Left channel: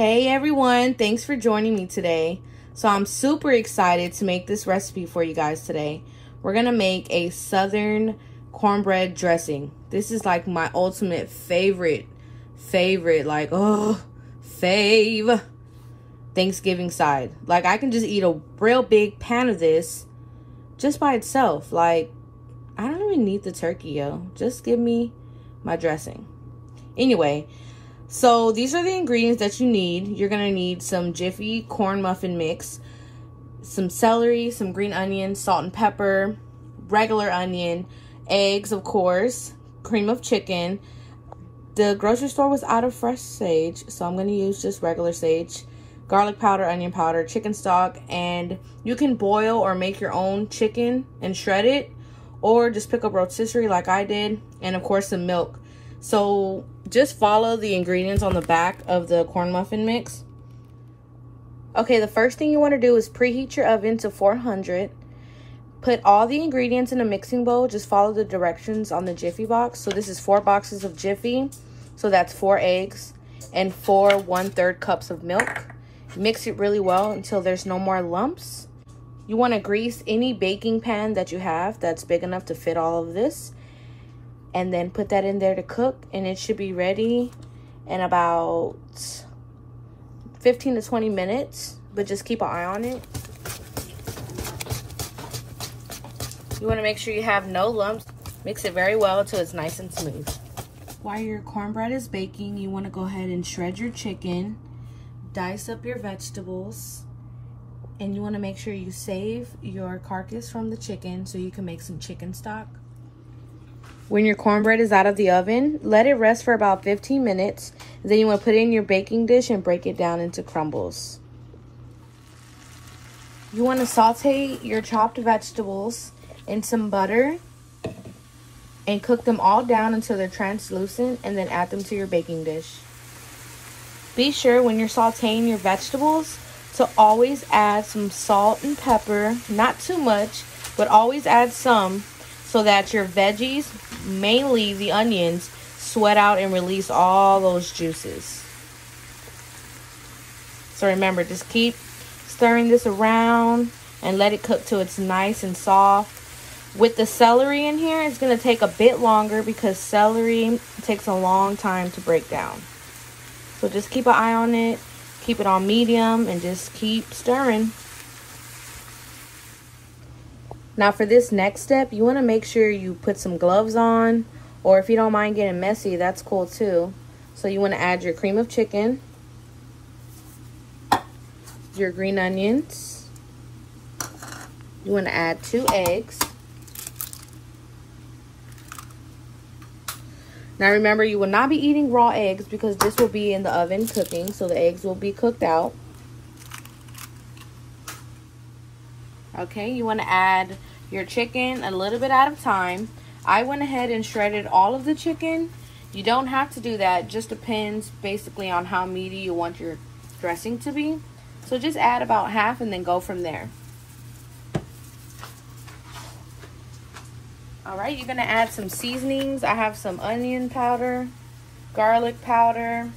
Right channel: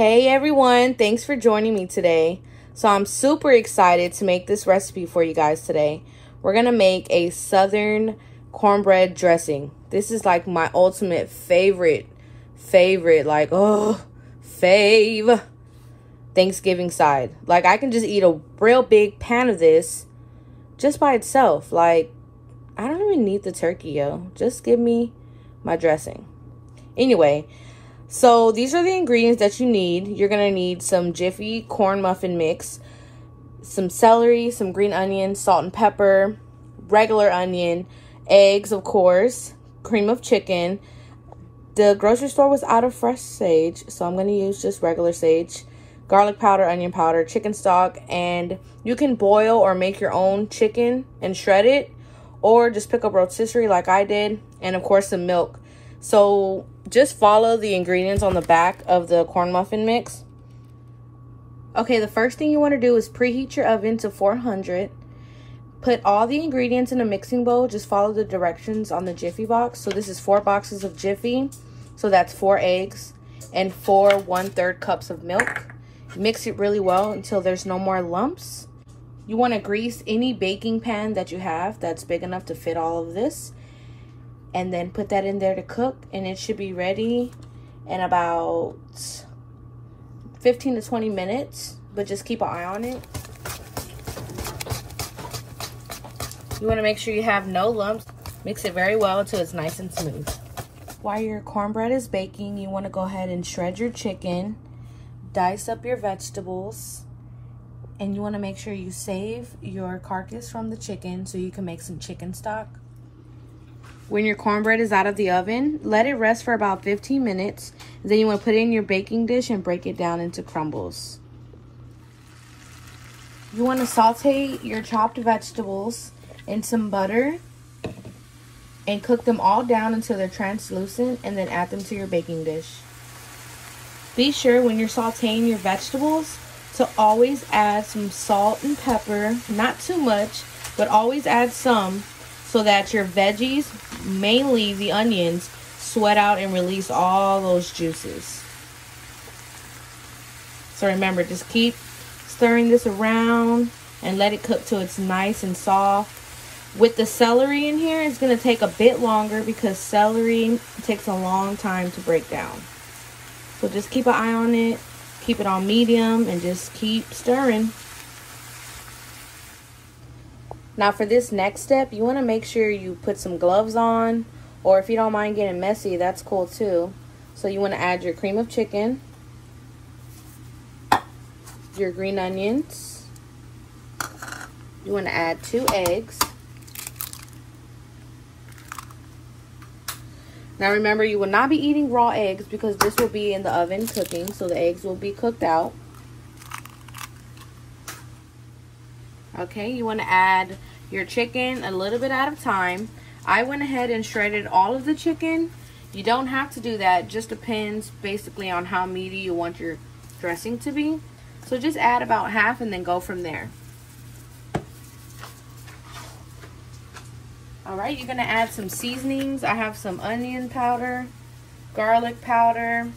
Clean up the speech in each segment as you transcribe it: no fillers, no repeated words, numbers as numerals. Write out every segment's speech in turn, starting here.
Hey everyone, thanks for joining me today. So I'm super excited to make this recipe for you guys today. We're gonna make a southern cornbread dressing. This is like my ultimate favorite, like, oh, fave Thanksgiving side. Like, I can just eat a real big pan of this just by itself. Like, I don't even need the turkey, yo. Just give me my dressing. Anyway, so these are the ingredients that you need. You're gonna need some Jiffy corn muffin mix, some celery, some green onions, salt and pepper, regular onion, eggs, of course, cream of chicken. The grocery store was out of fresh sage, so I'm gonna use just regular sage, garlic powder, onion powder, chicken stock, and you can boil or make your own chicken and shred it, or just pick up rotisserie like I did, and of course some milk. So just follow the ingredients on the back of the corn muffin mix. Okay, the first thing you want to do is preheat your oven to 400. Put all the ingredients in a mixing bowl. Just follow the directions on the Jiffy box. So this is 4 boxes of Jiffy. So that's 4 eggs and 4 1/3 cups of milk. Mix it really well until there's no more lumps. You want to grease any baking pan that you have that's big enough to fit all of this. And then put that in there to cook, and it should be ready in about 15 to 20 minutes, but just keep an eye on it. You want to make sure you have no lumps. Mix it very well until it's nice and smooth. While your cornbread is baking, you want to go ahead and shred your chicken, dice up your vegetables, and you want to make sure you save your carcass from the chicken so you can make some chicken stock. When your cornbread is out of the oven, let it rest for about 15 minutes. Then you want to put it in your baking dish and break it down into crumbles. You want to saute your chopped vegetables in some butter and cook them all down until they're translucent, and then add them to your baking dish. Be sure when you're sauteing your vegetables to always add some salt and pepper, not too much, but always add some, so that your veggies, mainly the onions, sweat out and release all those juices. So remember, just keep stirring this around and let it cook till it's nice and soft. With the celery in here, it's going to take a bit longer because celery takes a long time to break down. So just keep an eye on it, keep it on medium, and just keep stirring. Now for this next step, you want to make sure you put some gloves on, or if you don't mind getting messy, that's cool too. So you want to add your cream of chicken, your green onions, you want to add 2 eggs. Now remember, you will not be eating raw eggs because this will be in the oven cooking, so the eggs will be cooked out. Okay, you want to add your chicken a little bit at a time. I went ahead and shredded all of the chicken. You don't have to do that. Just depends basically on how meaty you want your dressing to be. So just add about half and then go from there. All right, you're gonna add some seasonings. I have some onion powder, garlic powder,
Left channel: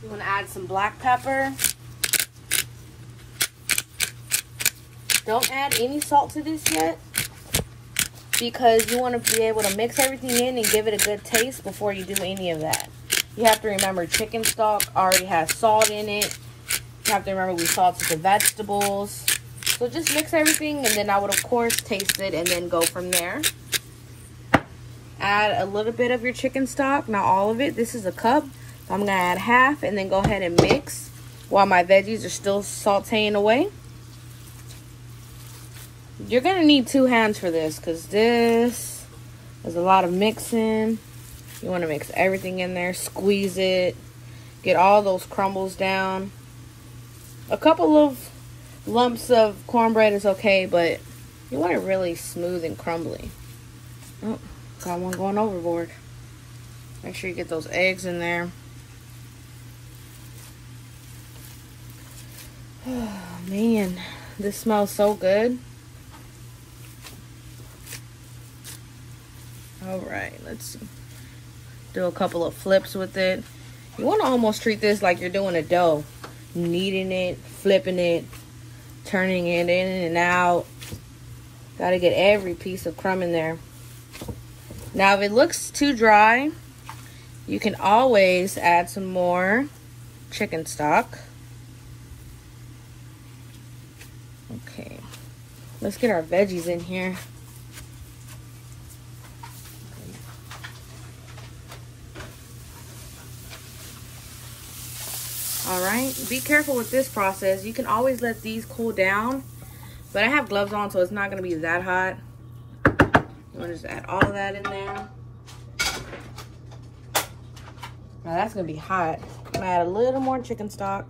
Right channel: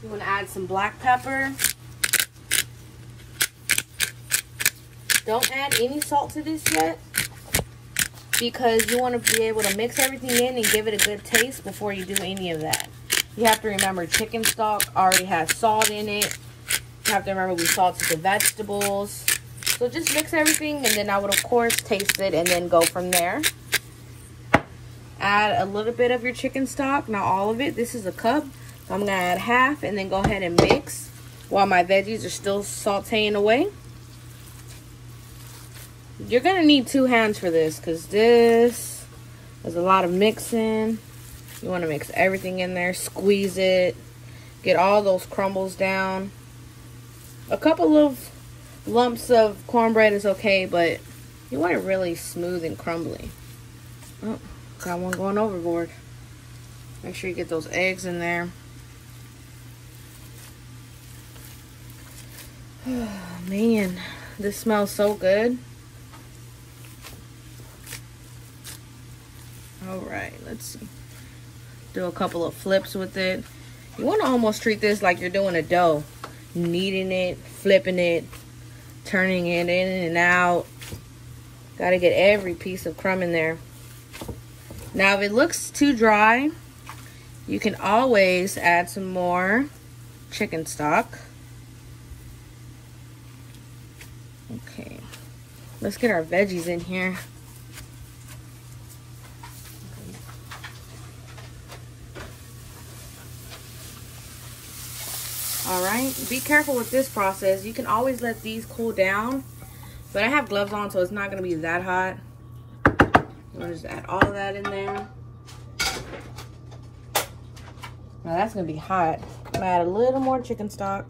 you want to add some black pepper. Don't add any salt to this yet, because you want to be able to mix everything in and give it a good taste before you do any of that. You have to remember, chicken stock already has salt in it. You have to remember we salted the vegetables. So just mix everything, and then I would of course taste it and then go from there. Add a little bit of your chicken stock, not all of it. This is a cup. So I'm gonna add half and then go ahead and mix while my veggies are still sauteing away. You're gonna need 2 hands for this because this is a lot of mixing. You want to mix everything in there, squeeze it, get all those crumbles down. A couple of lumps of cornbread is okay, but you want it really smooth and crumbly. Oh, got one going overboard. Make sure you get those eggs in there. Oh, man, this smells so good. All right, let's see. Do a couple of flips with it. You want to almost treat this like you're doing a dough. Kneading it, flipping it, turning it in and out. Got to get every piece of crumb in there. Now, if it looks too dry, you can always add some more chicken stock. Okay, let's get our veggies in here. All right, be careful with this process. You can always let these cool down, but I have gloves on, so it's not gonna be that hot. I'm gonna just add all of that in there. Now that's gonna be hot. I'm gonna add a little more chicken stock.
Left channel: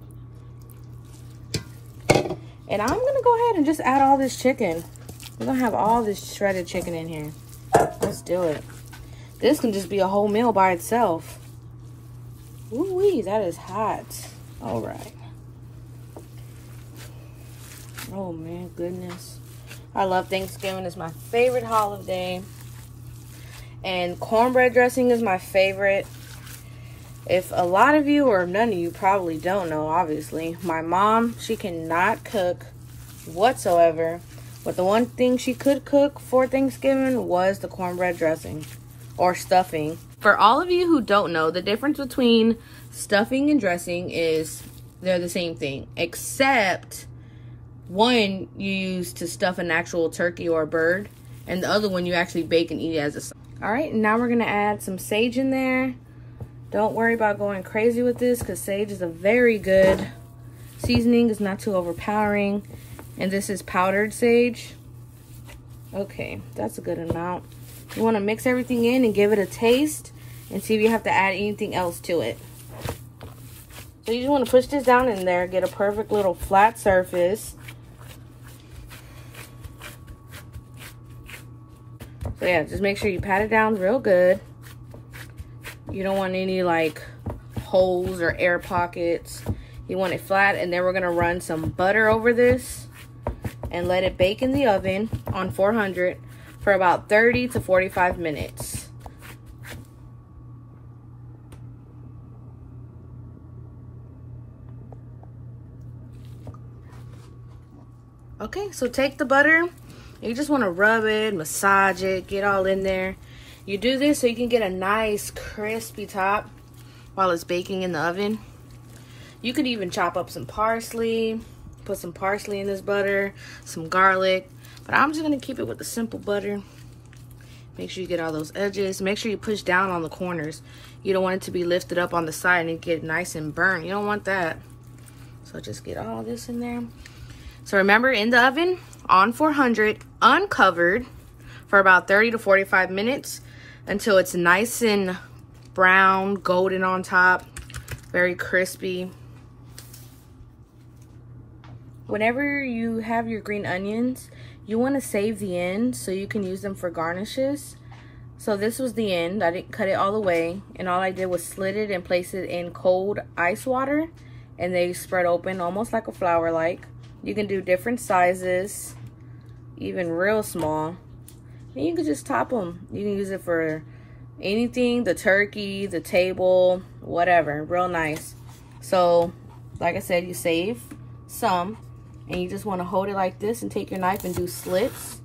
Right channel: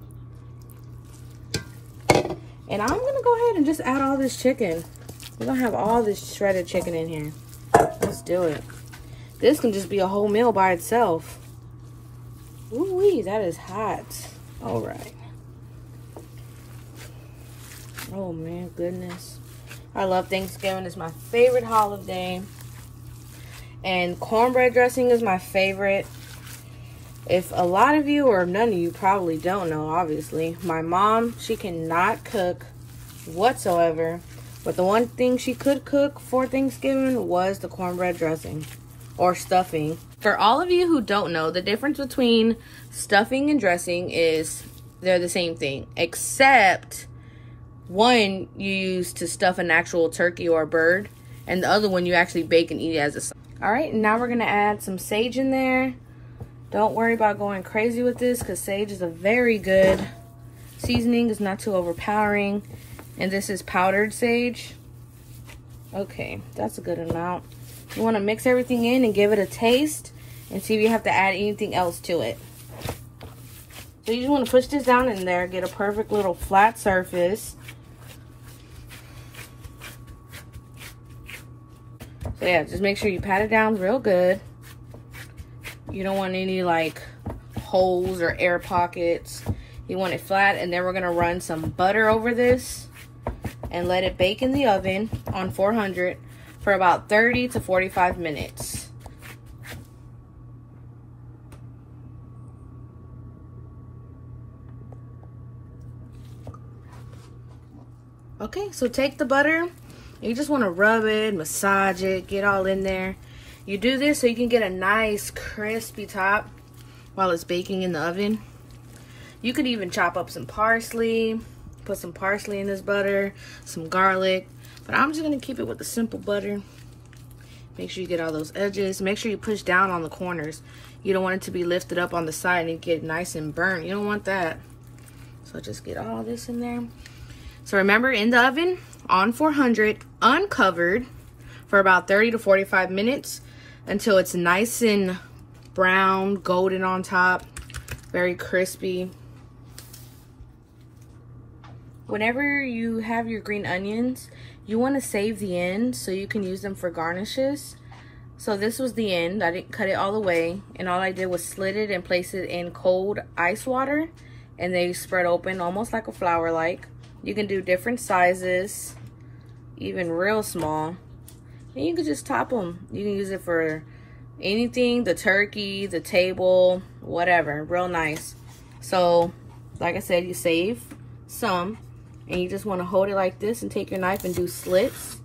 And I'm gonna go ahead and just add all this chicken. We're gonna have all this shredded chicken in here. Let's do it. This can just be a whole meal by itself. Ooh-wee, that is hot. All right. Oh man, goodness. I love Thanksgiving. It's my favorite holiday. And cornbread dressing is my favorite. If a lot of you or none of you probably don't know, obviously, my mom, she cannot cook whatsoever. But the one thing she could cook for Thanksgiving was the cornbread dressing or stuffing. For all of you who don't know, the difference between stuffing and dressing is they're the same thing, except one you use to stuff an actual turkey or a bird, and the other one you actually bake and eat it as a side. All right, now we're gonna add some sage in there. Don't worry about going crazy with this because sage is a very good seasoning. It's not too overpowering. And this is powdered sage. Okay, that's a good amount. You want to mix everything in and give it a taste and see if you have to add anything else to it. So you just want to push this down in there, get a perfect little flat surface. So yeah, just make sure you pat it down real good. You don't want any like holes or air pockets. You want it flat, and then we're gonna run some butter over this and let it bake in the oven on 400 for about 30 to 45 minutes. Okay, so take the butter. You just want to rub it, massage it, get all in there. You do this so you can get a nice crispy top while it's baking in the oven. You could even chop up some parsley, put some parsley in this butter, some garlic, but I'm just gonna keep it with the simple butter. Make sure you get all those edges. Make sure you push down on the corners. You don't want it to be lifted up on the side and get nice and burnt. You don't want that. So just get all this in there. So remember, in the oven on 400, uncovered for about 30 to 45 minutes until it's nice and brown, golden on top, very crispy. Whenever you have your green onions, you want to save the end so you can use them for garnishes. So this was the end. I didn't cut it all the way, and all I did was slit it and place it in cold ice water, and they spread open almost like a flower like. You can do different sizes, even real small, and you can just top them. You can use it for anything, the turkey, the table, whatever, real nice. So like I said, you save some, and you just want to hold it like this and take your knife and do slits.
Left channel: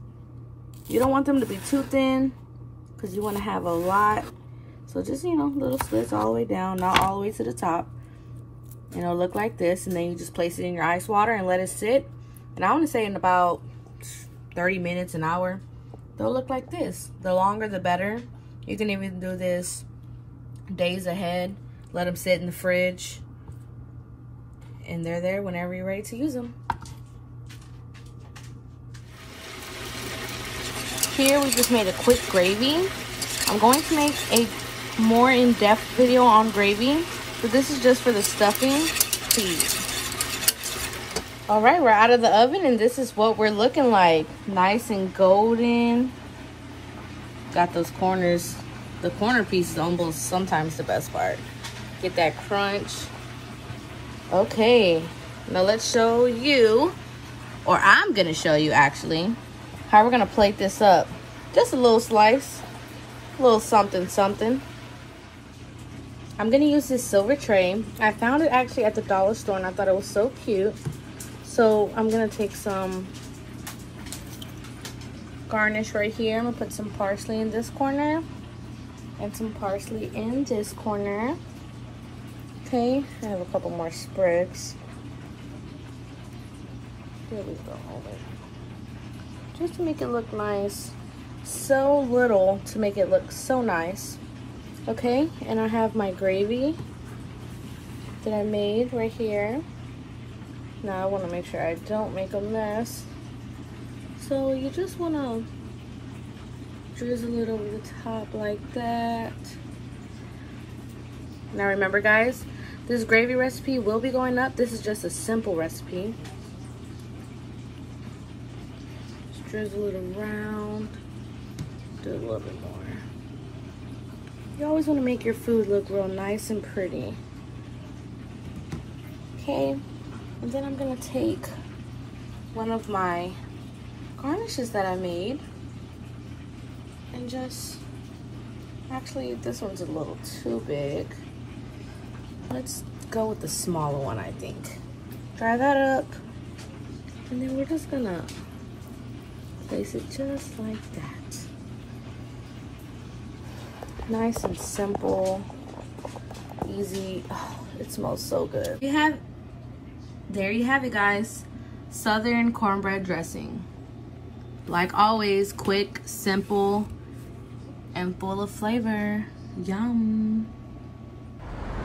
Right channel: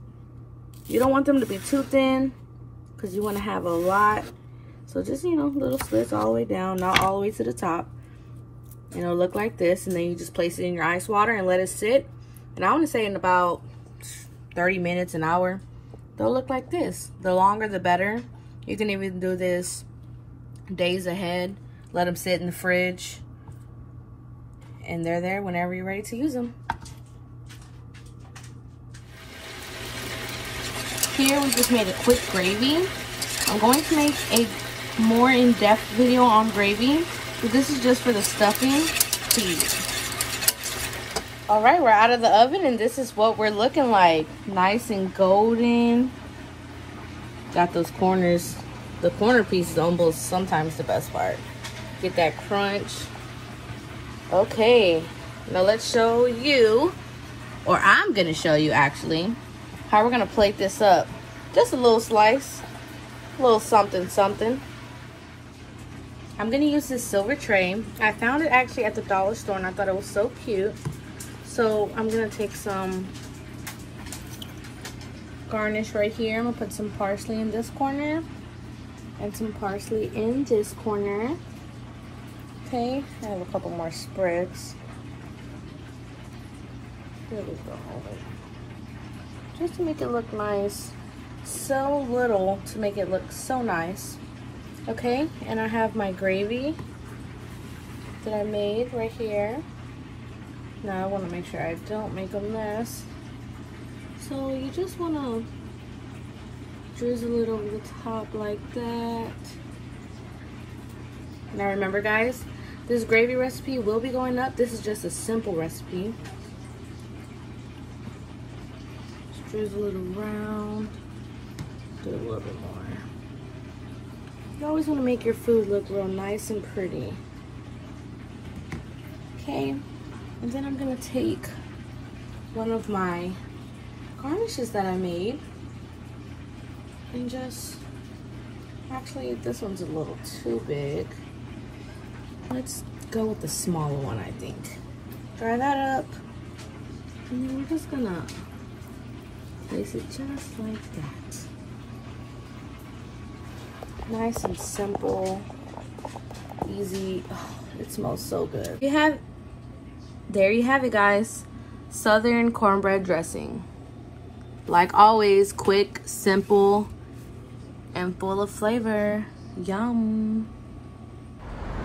You don't want them to be too thin because you want to have a lot. So just, you know, little slits all the way down, not all the way to the top. And it'll look like this, and then you just place it in your ice water and let it sit. And I want to say in about 30 minutes, an hour, they'll look like this. The longer the better. You can even do this days ahead. Let them sit in the fridge, and they're there whenever you're ready to use them. Here we just made a quick gravy. I'm going to make a more in-depth video on gravy, but this is just for the stuffing. Please. All right, we're out of the oven, and this is what we're looking like. Nice and golden. Got those corners. The corner piece is almost sometimes the best part. Get that crunch. Okay, Now let's show you, or I'm gonna show you actually, how we're gonna plate this up. Just a little slice, a little something, something. I'm gonna use this silver tray. I found it actually at the dollar store and I thought it was so cute. So I'm gonna take some garnish right here. I'm gonna put some parsley in this corner and some parsley in this corner. Okay, I have a couple more sprigs. Just to make it look nice. So little to make it look so nice. Okay, and I have my gravy that I made right here. Now I want to make sure I don't make a mess. So you just want to drizzle it over the top like that. Now remember guys, this gravy recipe will be going up. This is just a simple recipe. Just drizzle it around. Do a little bit more. You always want to make your food look real nice and pretty. Okay, and then I'm gonna take one of my garnishes that I made and just, actually this one's a little too big. Let's go with the smaller one, I think. Dry that up, and then we're just gonna place it just like that. Nice and simple, easy. Oh, it smells so good. There you have it guys, Southern cornbread dressing. Like always, quick, simple, and full of flavor. Yum.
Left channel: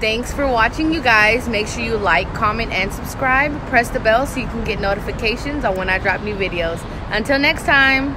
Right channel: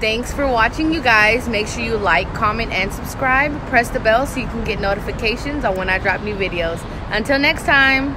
Thanks for watching you guys. Make sure you like, comment, and subscribe. Press the bell so you can get notifications on when I drop new videos. Until next time.